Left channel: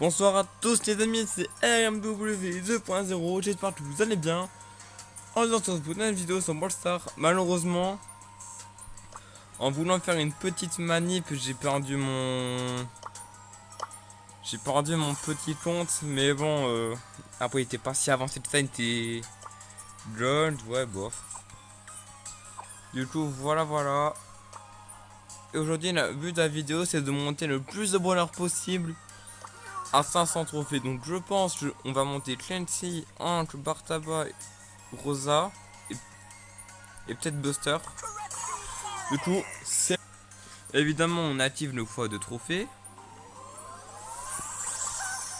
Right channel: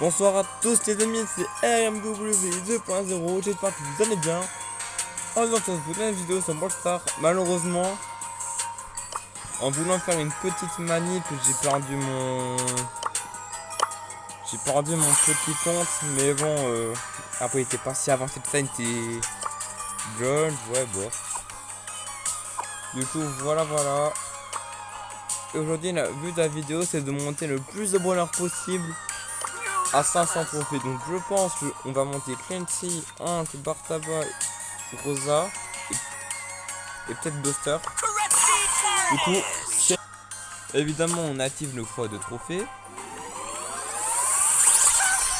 Bonsoir à tous les amis, c'est RMW 2.0, j'espère que vous allez bien. Aujourd'hui on se retrouve dans une vidéo sur Brawl Stars. Malheureusement, en voulant faire une petite manip, j'ai perdu mon petit compte. Mais bon, après il était pas si avancé que ça, il était jeune, ouais bof. Du coup voilà. Et aujourd'hui le but de la vidéo c'est de monter le plus de brawlers possible à 500 trophées. Donc je pense qu'on va monter Clancy, Hank, Bartaba, Rosa et peut-être Buster. Du coup, évidemment on active nos fois de trophées.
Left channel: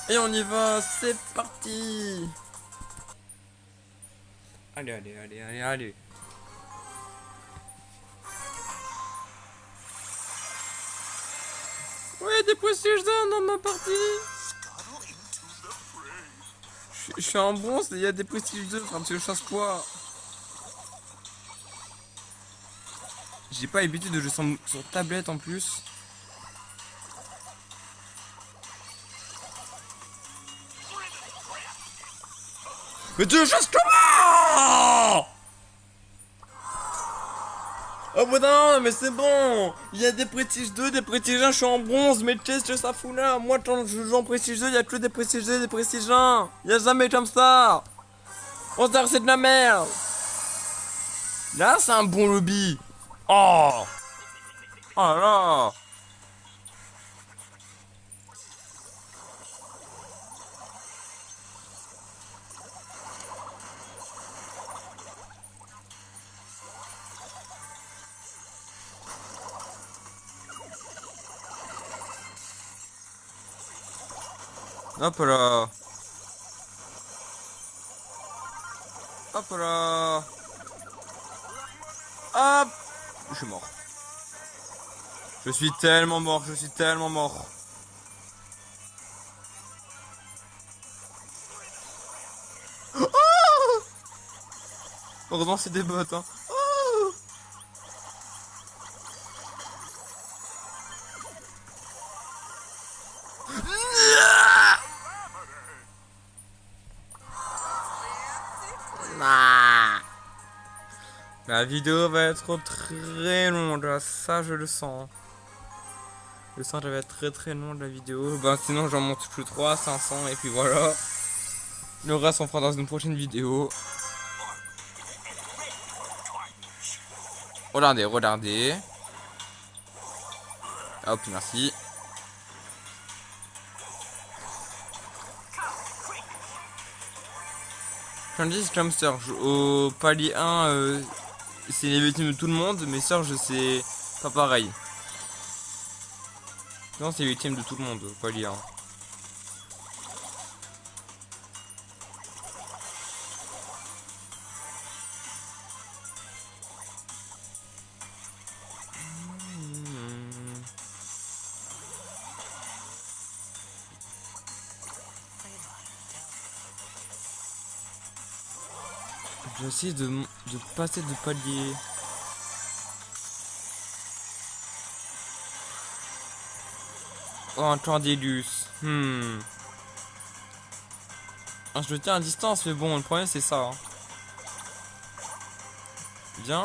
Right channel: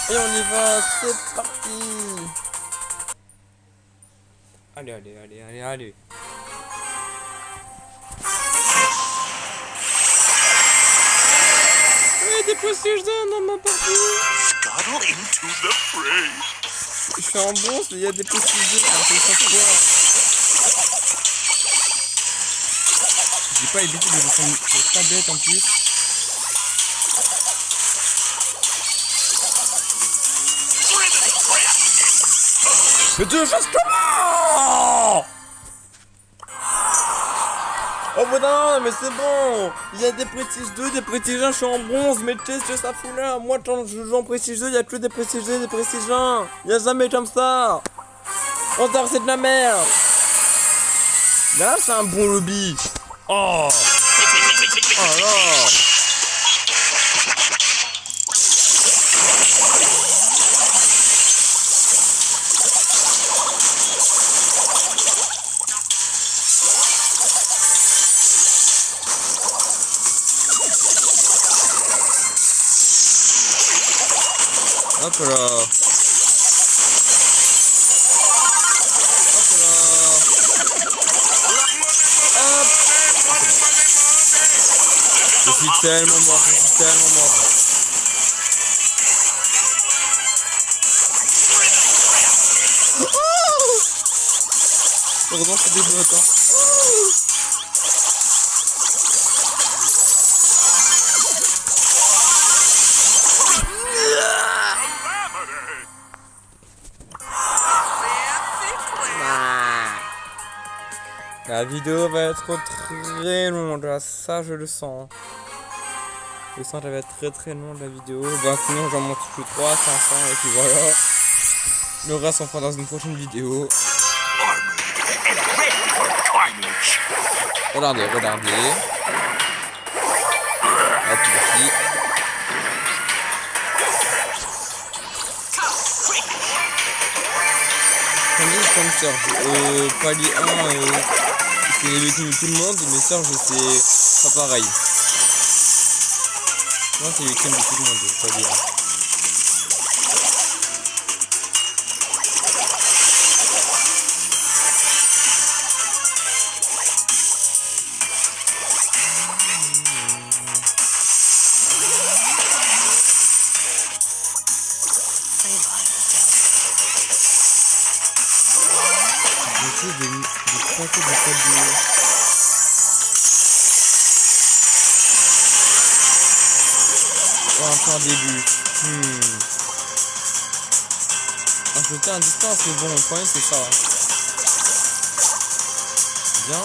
Et on y va, c'est parti. Allez. Ouais, des prestiges dans ma partie. Je suis en bronze, mais il y a des prestiges un peu chaque fois. J'ai pas l'habitude de descendre sur tablette en plus. Mais tu le fasses comment? Oh putain, mais c'est bon. Il y a des prestiges 2, des prestiges 1, je suis en bronze. Mais qu'est-ce que ça fout là? Moi quand je joue en prestige 2, il y a que des prestiges 2, des prestiges 1. Il y a jamais comme ça. On dirait c'est de la merde. Là c'est un bon lobby. Oh là. Hop là. Hop là. Hop. Je suis tellement mort. Oh, heureusement c'est des bots hein. La vidéo va être très longue, là, ça je le sens. Je sens qu'elle va être très longue la vidéo. Ben sinon j'en monte plus 3, 500 et puis voilà. Le reste on fera dans une prochaine vidéo. Regardez. Hop ici. Comme Serge, au palier 1, c'est les victimes de tout le monde, mais Serge c'est pas pareil. Non, c'est les victimes de tout le monde, au palier 1. Je vais essayer de passer du palier. Oh, encore des buts. Ah, je me tiens à distance, mais bon, le problème c'est ça. Hein. Bien.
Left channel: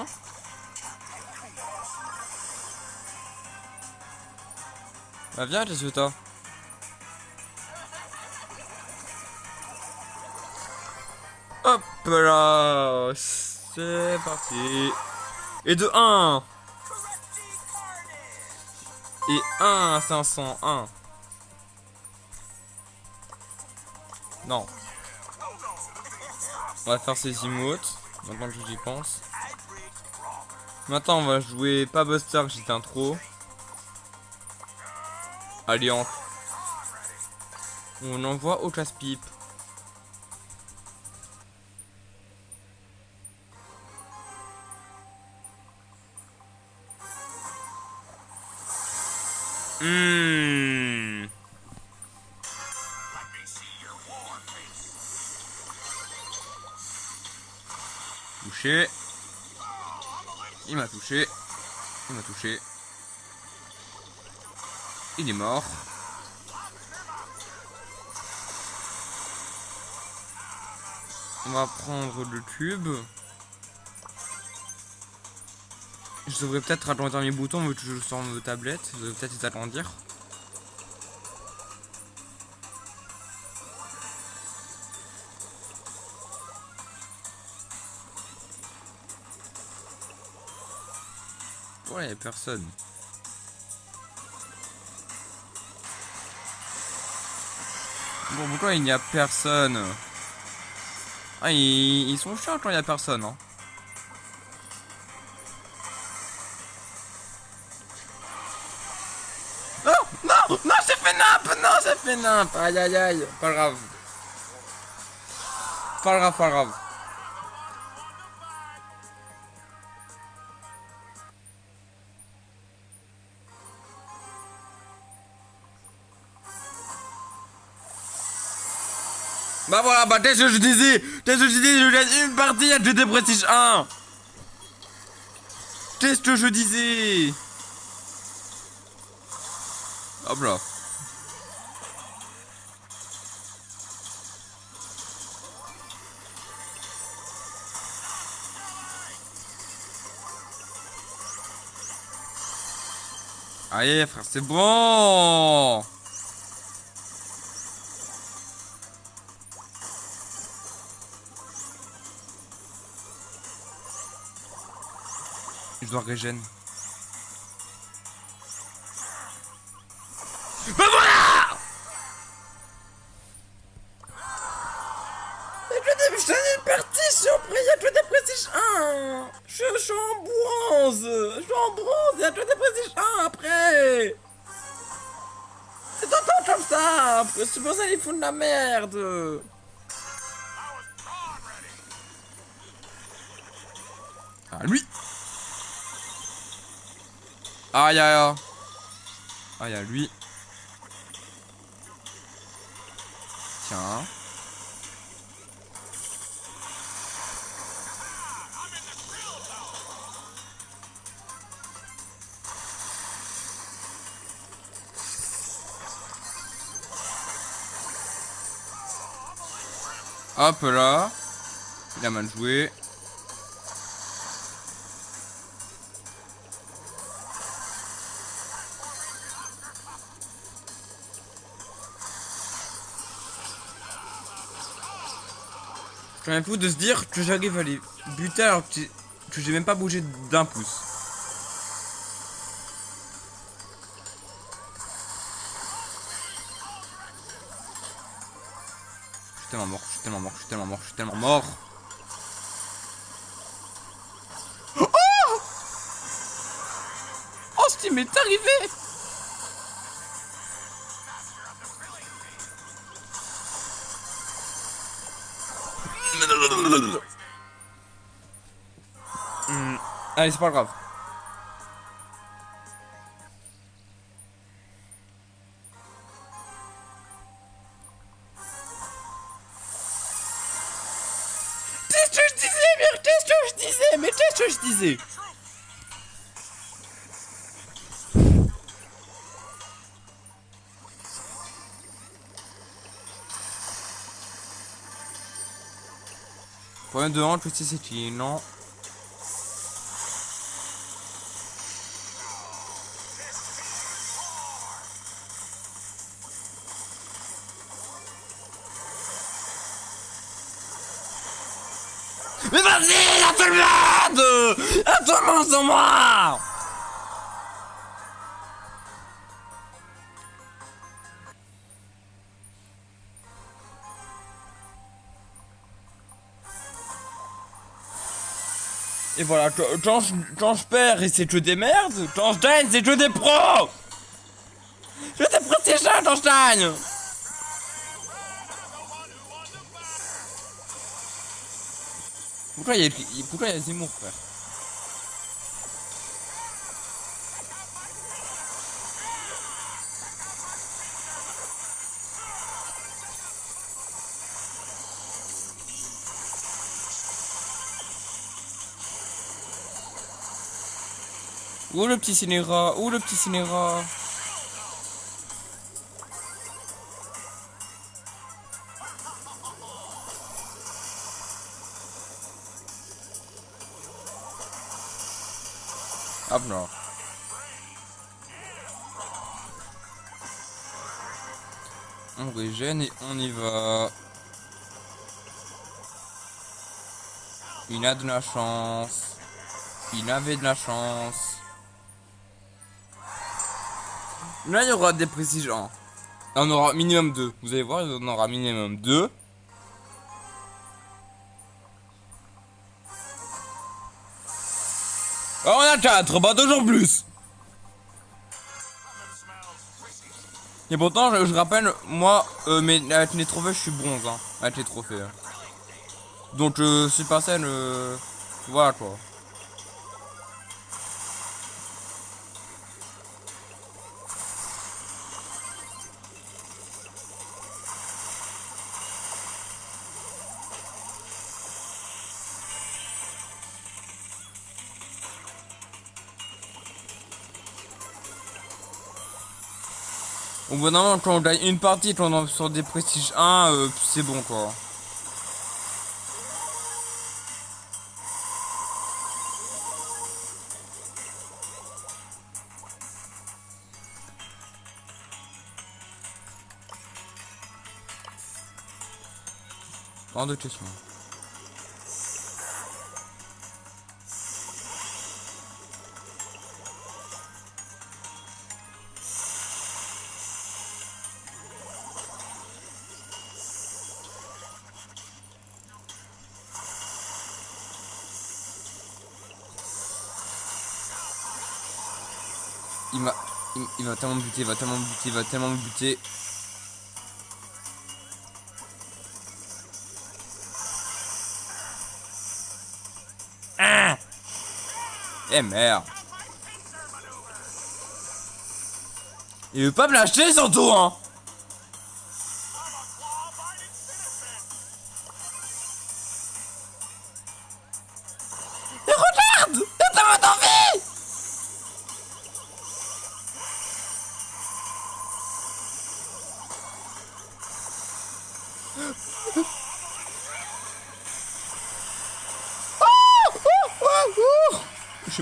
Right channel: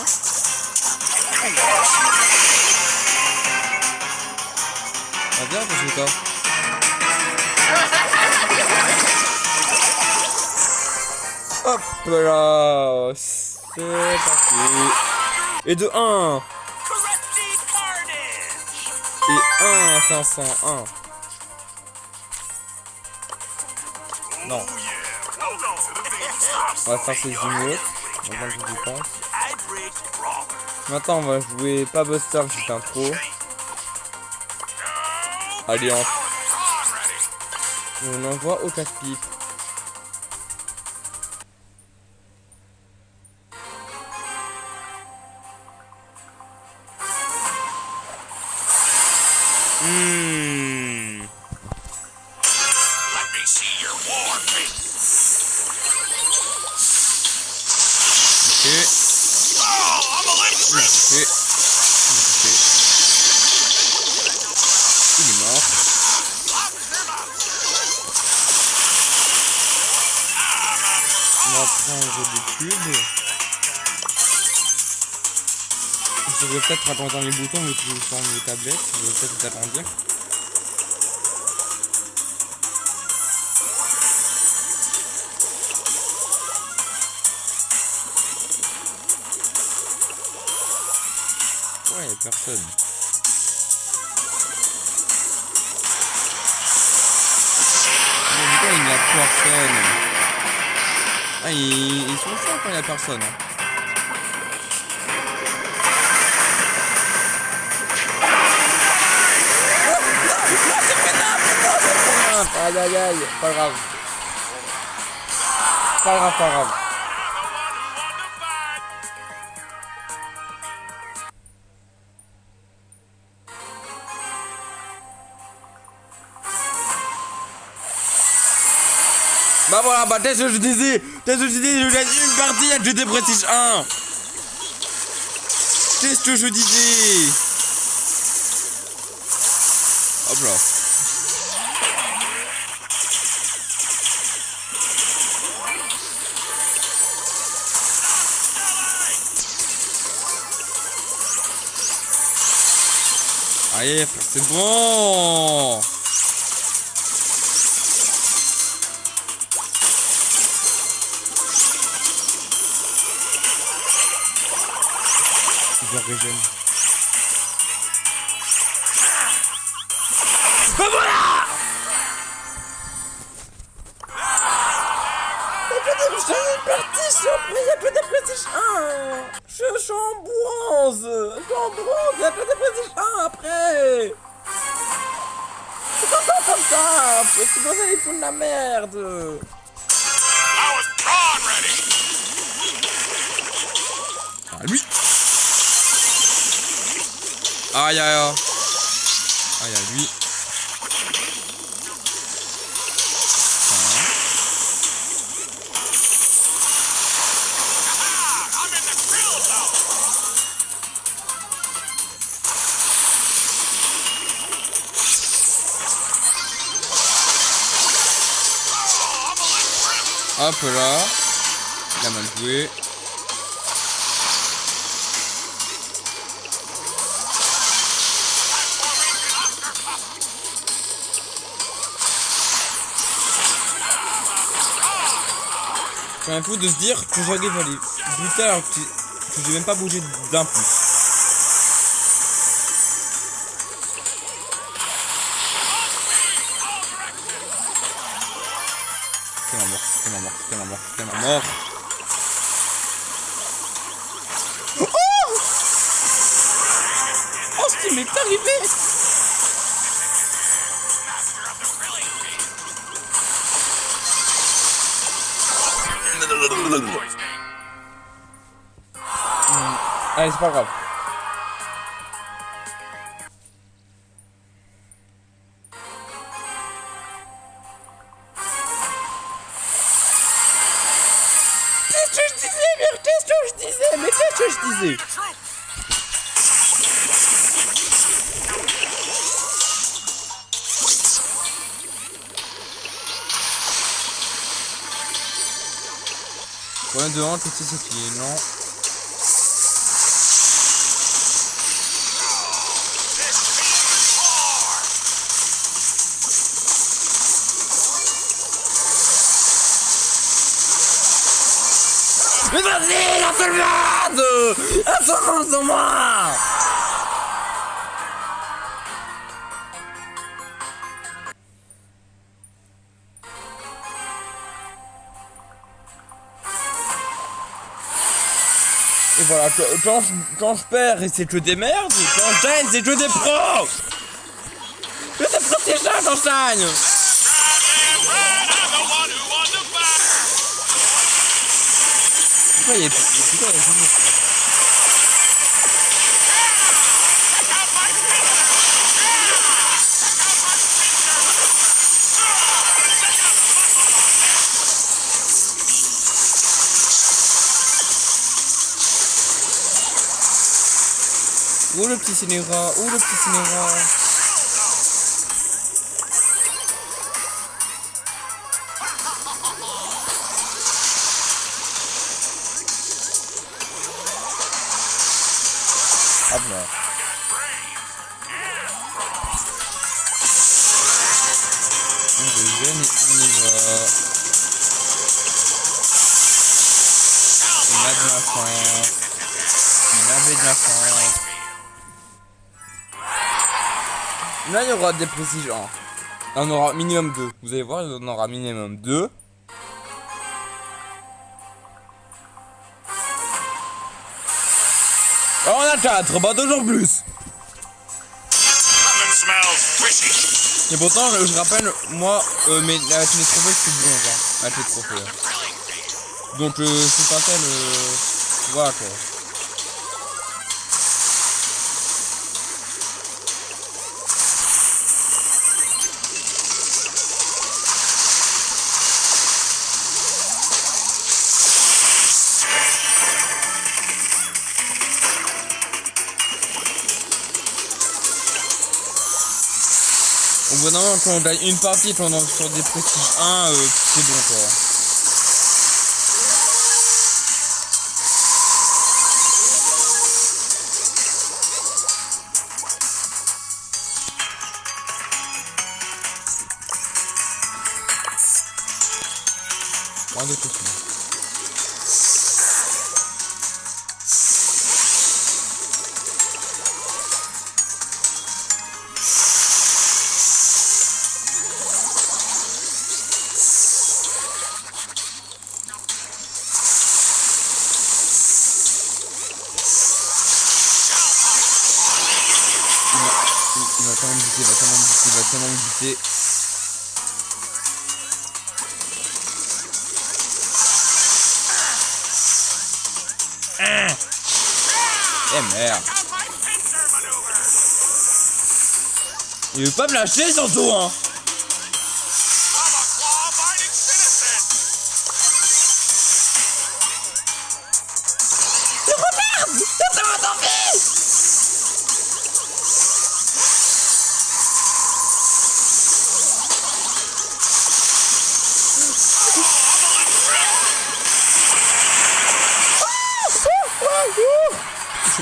Ah, bien, je suis toi. Hop là, c'est parti. Et de 1. Et 1 501. Non. On va faire ces emotes. Maintenant que j'y pense. Maintenant on va jouer pas Buster, j'étais un trop. Allez, on envoie au casse-pipe. Il m'a touché. Il est mort. On va prendre des cubes. Je devrais peut-être agrandir les boutons vu que je sens mes tablettes. Je devrais peut-être les agrandir. Ouais, y'a personne. Bon, pourquoi il n'y a personne? Ah, ils sont chiants quand il n'y a personne. Hein. Non, c'est fait n'importe, non, c'est fait n'importe. Aïe, aïe, aïe, pas grave. Pas grave, pas grave. Bah voilà, bah t'es ce que je disais, je gagne une partie à GT Prestige 1. C'est ce que je disais. Hop là. Allez frère, c'est bon. Je dois régène. Bah voilà. Je suis une partie surprise à GT Prestige 1. Je suis en bronze. Je suis en bronze, il y a GT Prestige 1 après. C'est tout le temps comme ça. C'est pour ça qu'ils font de la merde. Ah lui. Aïe aïe aïe. Aïe aïe lui. Tiens. Hop là. Il a mal joué. C'est un fou de se dire que j'arrive à les buter alors que j'ai même pas bougé d'un pouce. Tellement mort, tellement mort, tellement mort, tellement mort. Oh, oh ce qui m'est arrivé. Allez, c'est pas grave. C'est ce que je disais, mais qu'est-ce que je disais, mais qu'est-ce que je disais? Problème de hanche aussi, c'est qu'il est lent. Mais vas-y, la seule merde! Un seul monde sur moi! Et voilà, quand je perds et c'est que des merdes, quand je gagne c'est que des pros! Je t'ai prêté ça quand je gagne! Pourquoi il y a tout le monde ça? Où le petit cinéra? Où le petit cinéra? Hop là. On régène et on y va. Il a de la chance. Il avait de la chance. Là, il y aura des précisions. Là, on aura minimum 2. Vous allez voir, on aura minimum 2. On a 4, bah toujours plus. Et pourtant, je rappelle, moi, mais avec les trophées, je suis bronze, hein, avec les trophées. Hein. Donc, c'est pas tel, voilà quoi. Au bout d'un moment, quand on gagne une partie, quand on est sur des prestiges 1, c'est bon quoi. Pas de questions. Il va tellement me buter, il va tellement me buter. Eh merde. Il veut pas me lâcher surtout hein. Regarde, ça m'a tenté.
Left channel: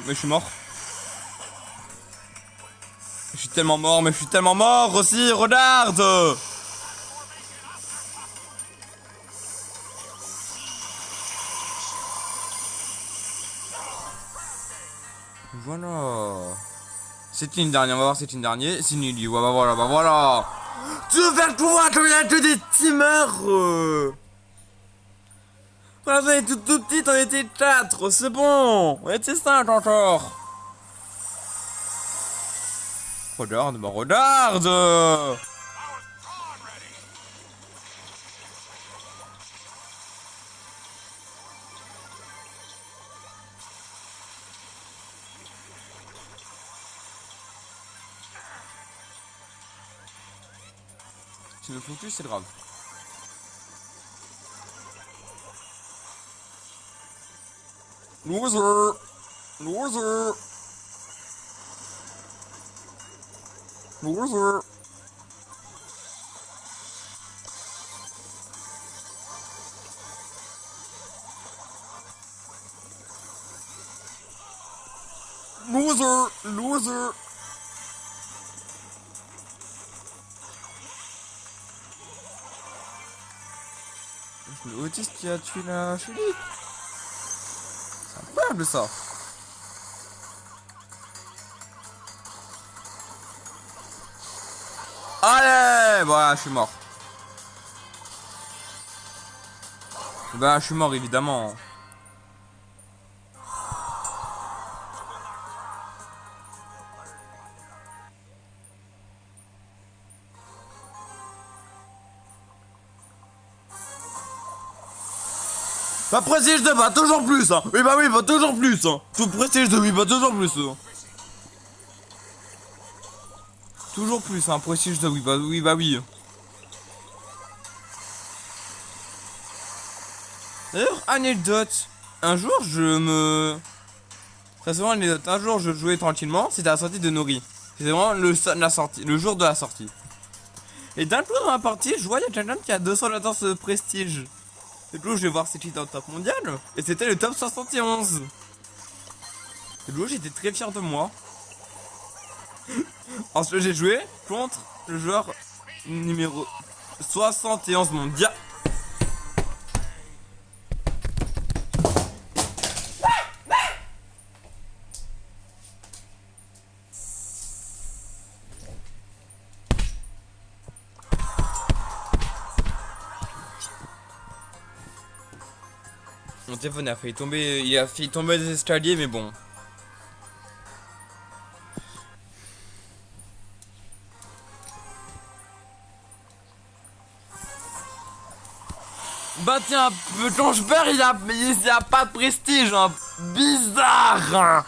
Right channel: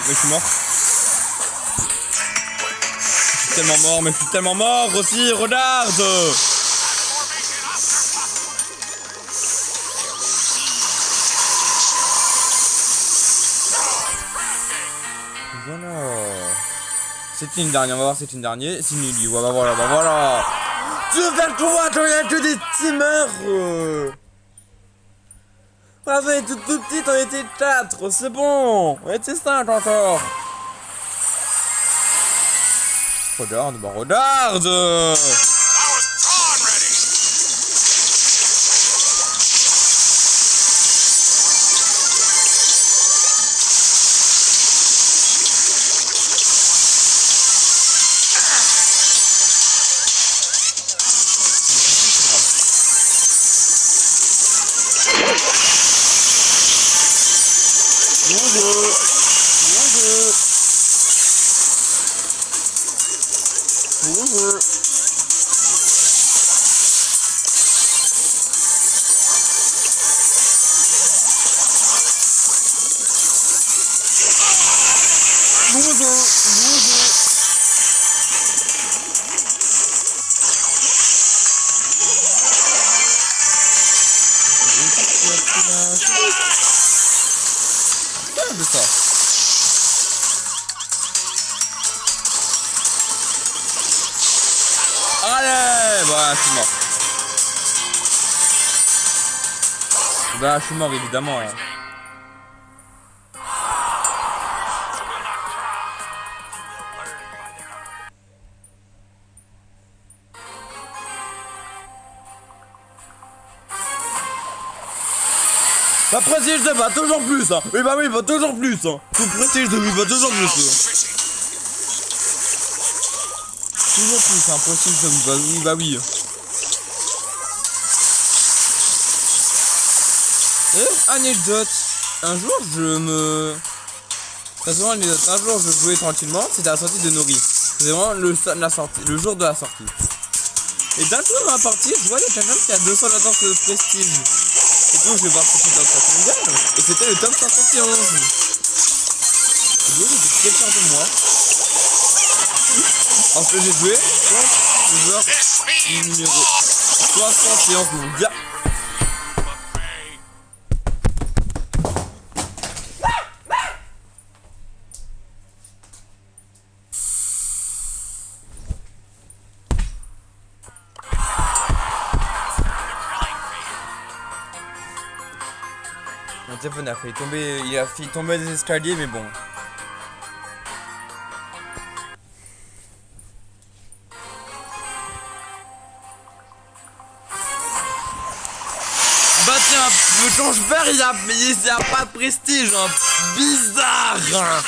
Je suis mort. Je suis tellement mort, mais je suis tellement mort aussi, regarde. Voilà. C'est une dernière, on va voir, c'est une dernière. C'est une Lily, ouais, bah voilà. Tu veux faire quoi quand il y a que des teamers Voilà, on était tout petite, on était 4, c'est bon. On était 5 encore. Regarde, bah regarde. C'est grave. Bonjour. De ça. Allez, voilà, je suis mort. Bah, je suis mort évidemment. La prestige de va toujours plus hein. Oui bah oui, va toujours plus hein. Tout prestige de oui va toujours plus hein. Toujours plus hein, prestige de oui bah oui. D'ailleurs, anecdote. Un jour Très souvent anecdote, un jour je jouais tranquillement, c'était à la sortie de Nori. C'était vraiment le jour de la sortie. Et d'un coup dans la partie, je vois quelqu'un qui a 214 de prestige. Et donc je vais voir ce qui est dans le top mondial. Et c'était le top 511. J'ai fait quelqu'un de moi. En fait, j'ai joué contre le joueur numéro 71 mondial. Mon téléphone a failli tomber, il a failli tomber des escaliers, mais bon. Bah tiens, le Tangebert il y a pas de prestige, hein. Bizarre, hein.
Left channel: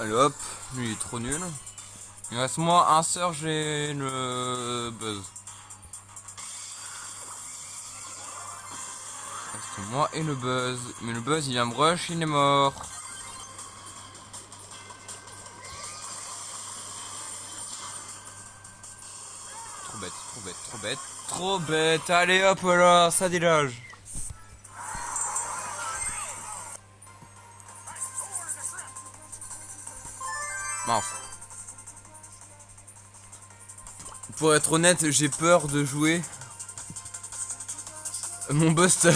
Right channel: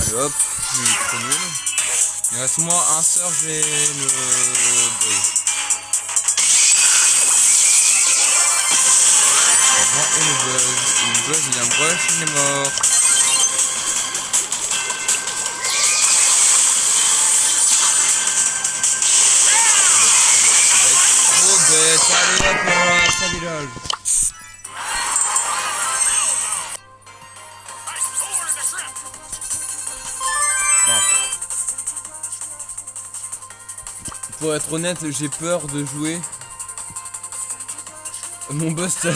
Allez hop, il est trop nul. Il reste moi un sort, j'ai le buzz. Moi et le buzz. Le buzz il vient me rush, il est mort. Trop bête, allez hop là, ça dégage. Non. Pour être honnête, j'ai peur de jouer mon buster.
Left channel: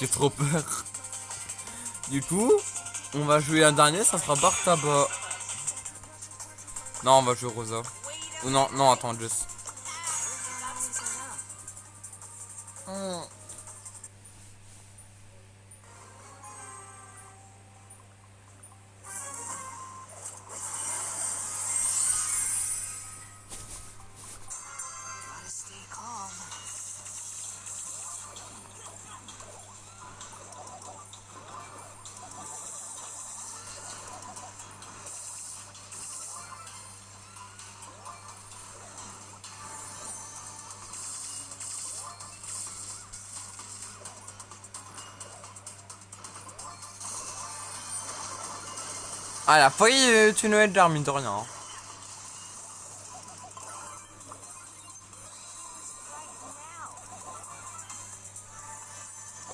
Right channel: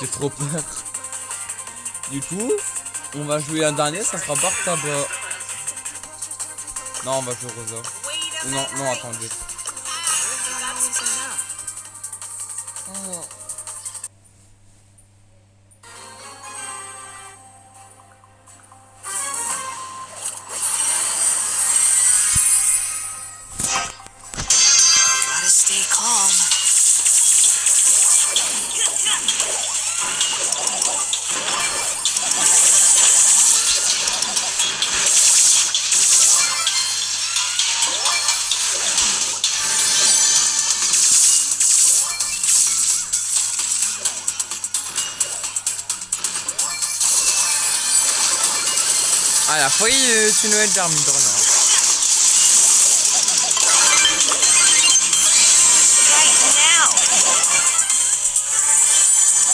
J'ai trop peur. Du coup, on va jouer un dernier, ça sera Bar Tabac. Non, on va jouer Rosa. Ou non, non, attends, juste. Ah, la failli tu Noël d'armes, mine de rien.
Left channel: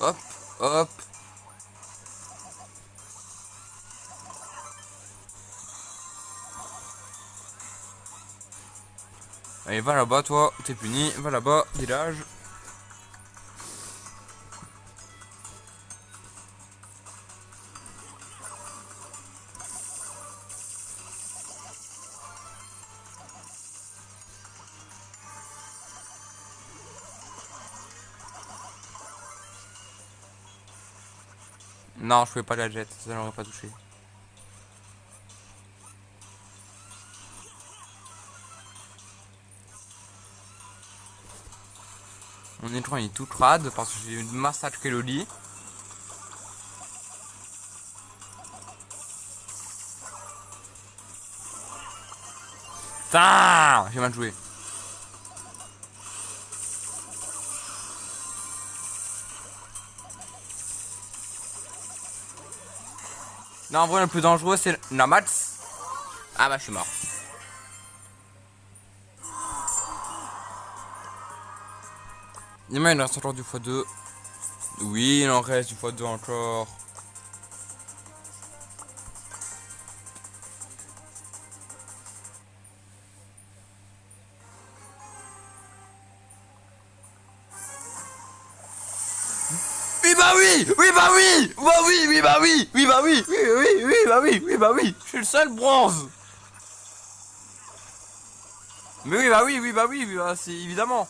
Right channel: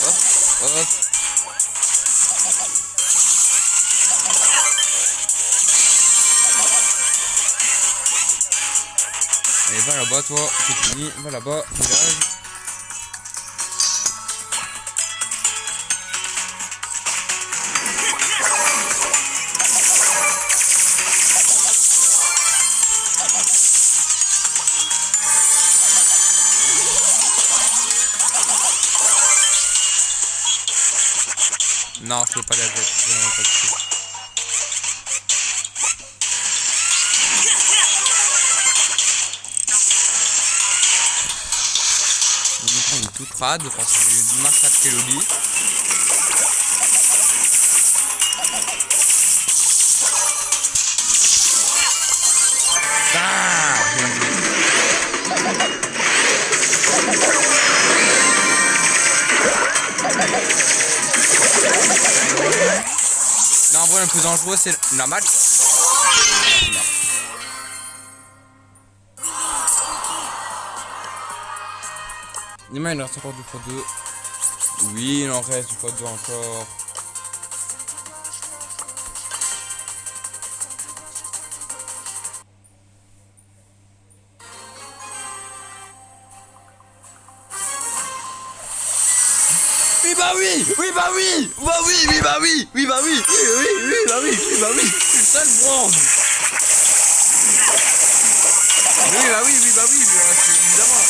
Hop, hop. Allez, va là-bas, toi, c'est fini. Va là-bas, village. Non, je peux pas la jet, vraiment pas du tout. Mon écran il est tout crade parce que j'ai massacré le lit. Ah, j'ai mal joué. Non, en vrai, le plus dangereux, c'est la match. Ah là, c'est mort. Il en reste encore du x2. Oui, il en reste du x2 encore. Oui bah oui, oui bah oui, bah oui, oui bah oui, oui bah oui, oui oui, oui bah oui, oui bah oui, c'est le seul bronze. Mais oui bah oui, oui bah oui, c'est évidemment.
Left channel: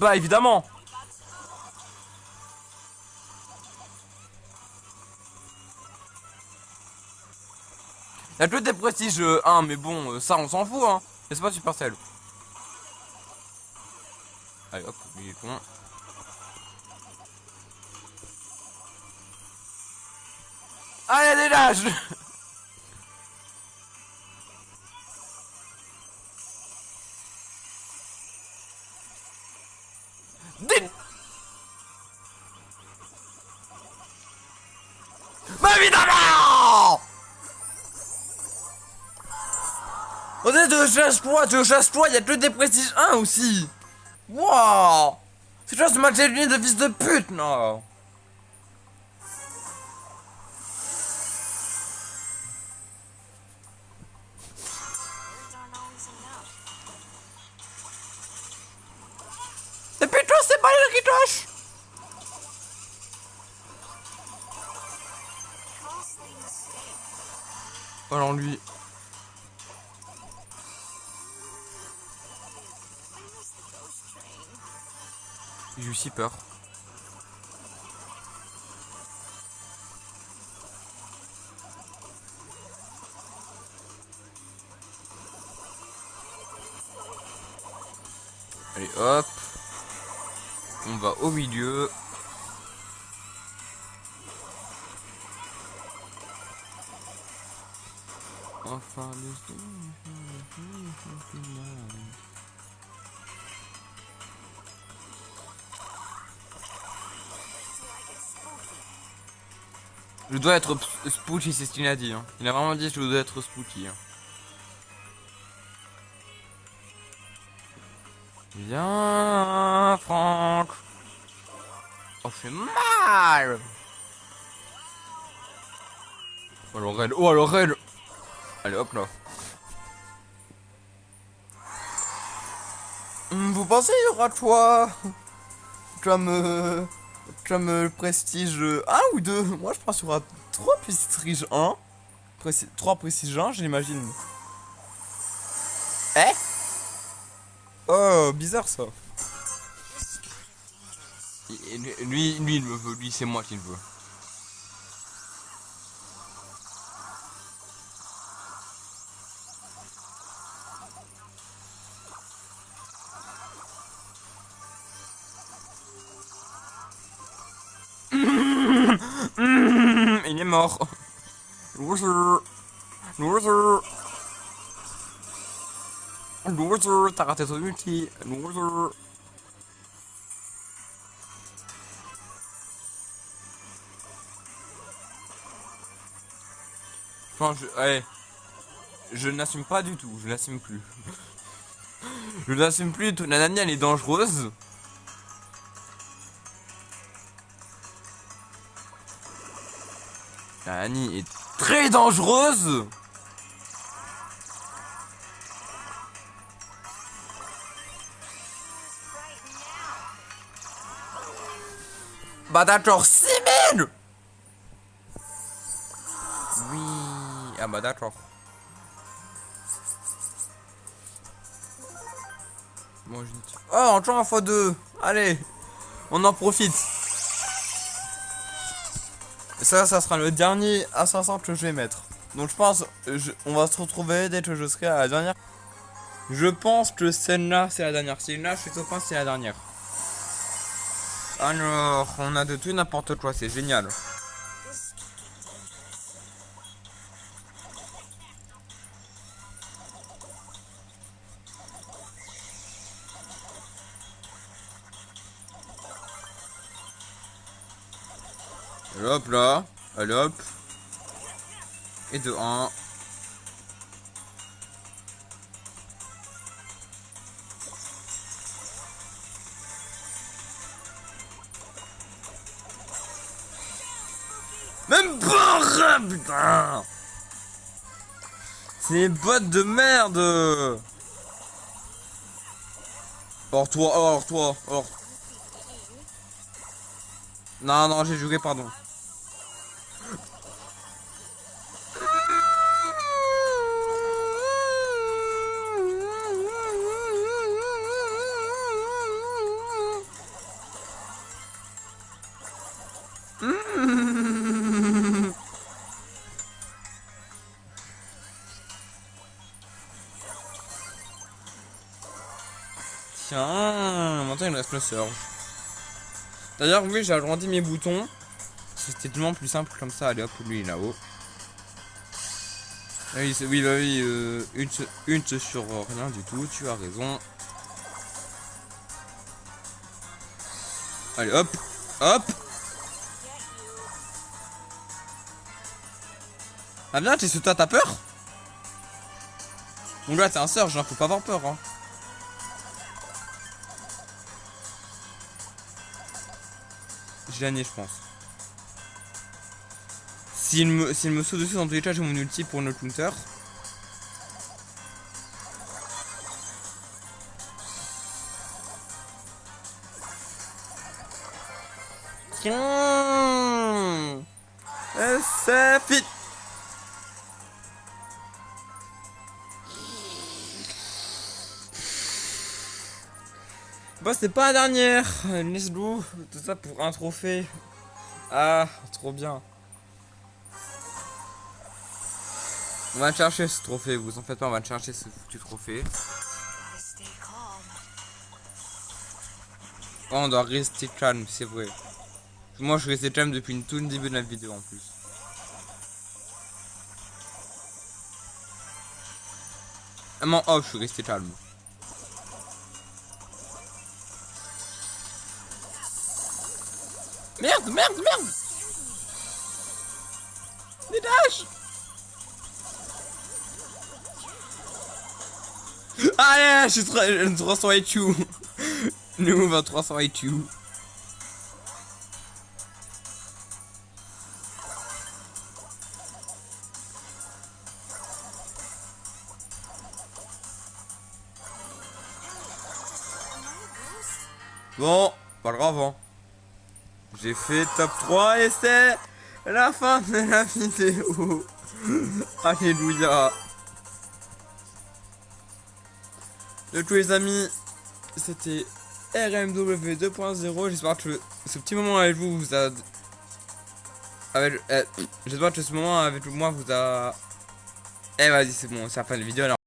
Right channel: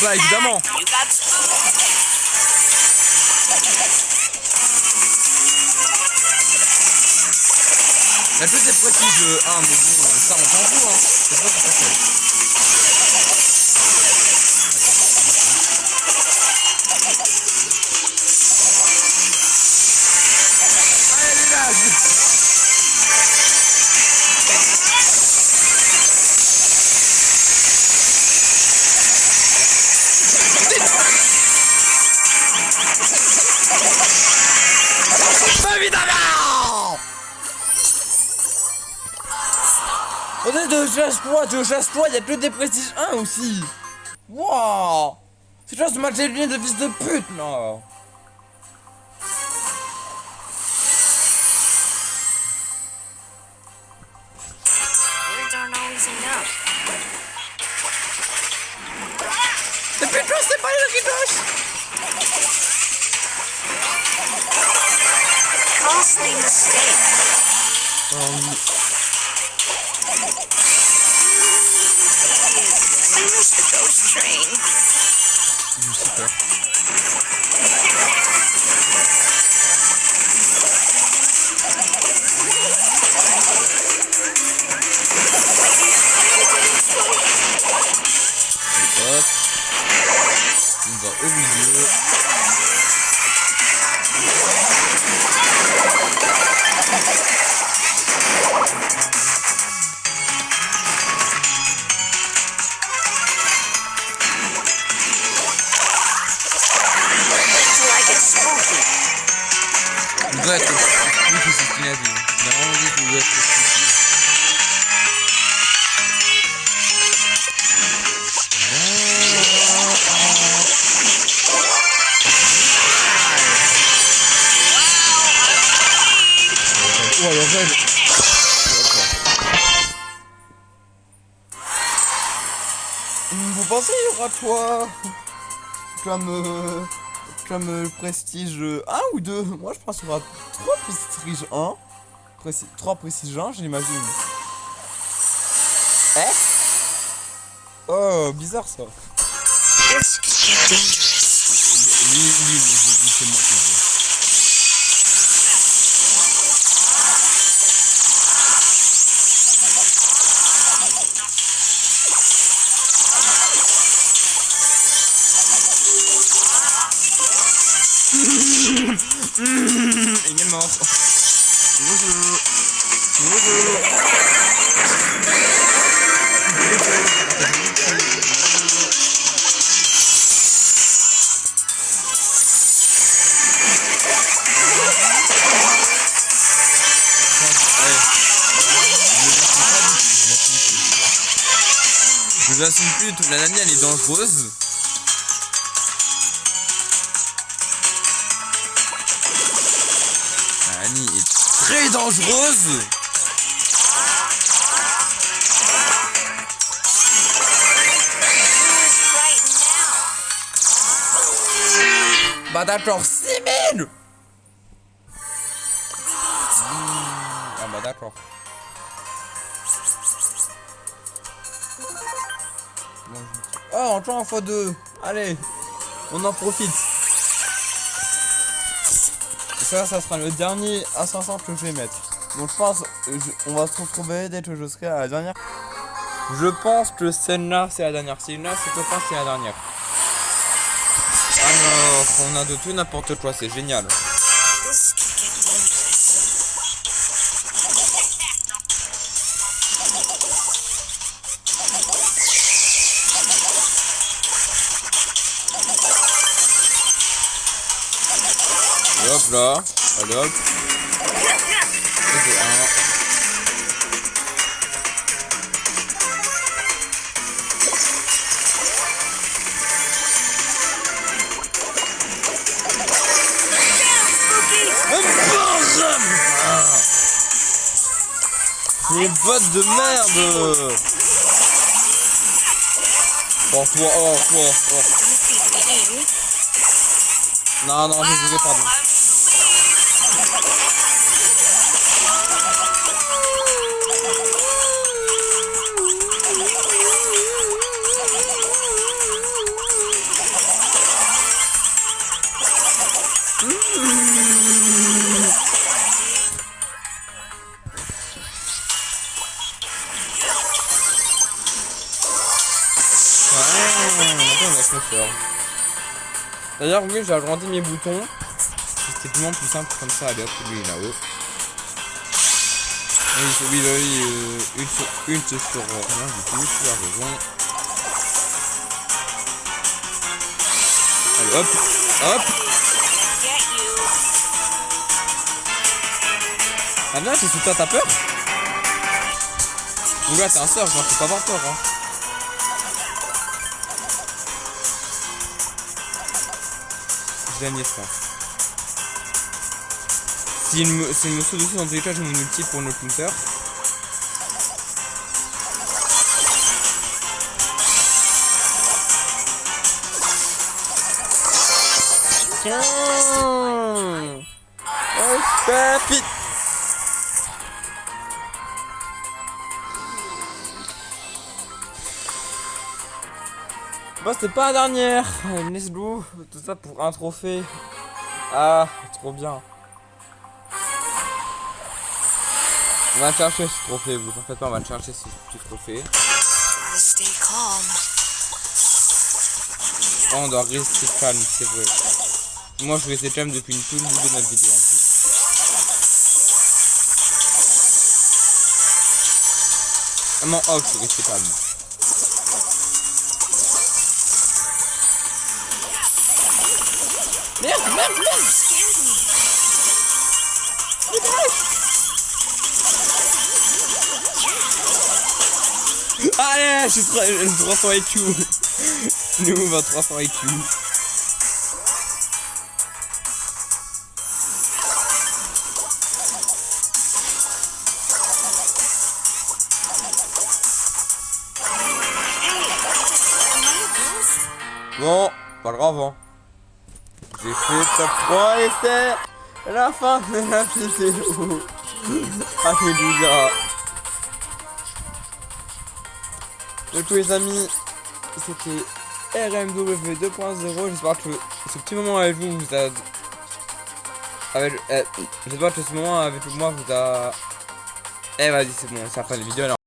Bah évidemment. Elle peut être prestige 1, mais bon, ça on s'en fout, hein. C'est pas super celle. Allez, elle est là, Évidemment. On est de chasse-toi, il y a que des prestiges 1 aussi. Wow. C'est juste de matcher lui de fils de pute, non. C'est plutôt, c'est pas le ritos. Alors lui. J'ai aussi peur. Et hop. On va au milieu. Il doit être spooky, c'est ce qu'il a dit. Il a vraiment dit qu'il doit être spooky. Oh le raid. Allez hop là. Vous pensez il y aura toi comme le prestige 1 ou 2? Moi je pense qu'il y aura 3 prestige 1. 3 prestige 1 je l'imagine. Eh? Oh bizarre ça. Lui il le veut, lui c'est moi qui le veux. Il est mort. Bonjour. Bonjour. Bonjour. T'as raté ton outil. Bonjour. Allez. Je ne l'assume pas du tout. Je l'assume plus. Je l'assume plus du tout. La Nani elle est dangereuse. La Nani est très dangereuse. Bah d'accord, 6000. Ah bah d'accord. Bon, oh, encore un x2. Allez, on en profite. Et ça sera le dernier à 500 que je vais mettre. Donc je pense, on va se retrouver dès que je serai à la dernière. Je pense que celle-là c'est la dernière. Celle-là c'est au fin c'est la dernière. Alors, on a de tout n'importe quoi, c'est génial. Et hop là, allez hop. Et de 1. C'est une botte de merde. Oh toi, oh toi, oh. Non, j'ai joué, pardon. Maintenant on a le sort. D'ailleurs oui j'ai agrandi mes boutons. C'était tellement plus simple comme ça. Allez hop lui là-haut. Oui, bah oui, une sur rien du tout, tu as raison. Allez, hop, hop. Ah bien, t'es sous toi, t'as peur? Ou là, t'es un surf, faut pas avoir peur, hein. J'ai gagné, je pense. S'il me saute dessus dans tous les cas, j'ai mon ulti pour le counter. Tiens, c'est fit. Bon, c'était pas la dernière. Let's go. Tout ça pour un trophée. Ah, trop bien. On va le chercher ce trophée, vous en faites pas, on va le chercher ce petit trophée. Oh, on doit rester calme, c'est vrai. Moi je restais calme depuis tout le début de la vidéo en plus. Vraiment off, je suis resté calme. Merde. Dégage. Allez, je suis 300 IQ. Nous, on va 300 IQ. Bon, pas grave, hein. J'ai fait top 3 et c'est la fin de la vidéo. Alléluia. Donc les amis, c'était RMW 2.0. J'espère que ce petit moment avec vous a... J'espère que ce moment avec moi vous a... Eh vas-y, c'est bon, c'est la fin de la vidéo alors.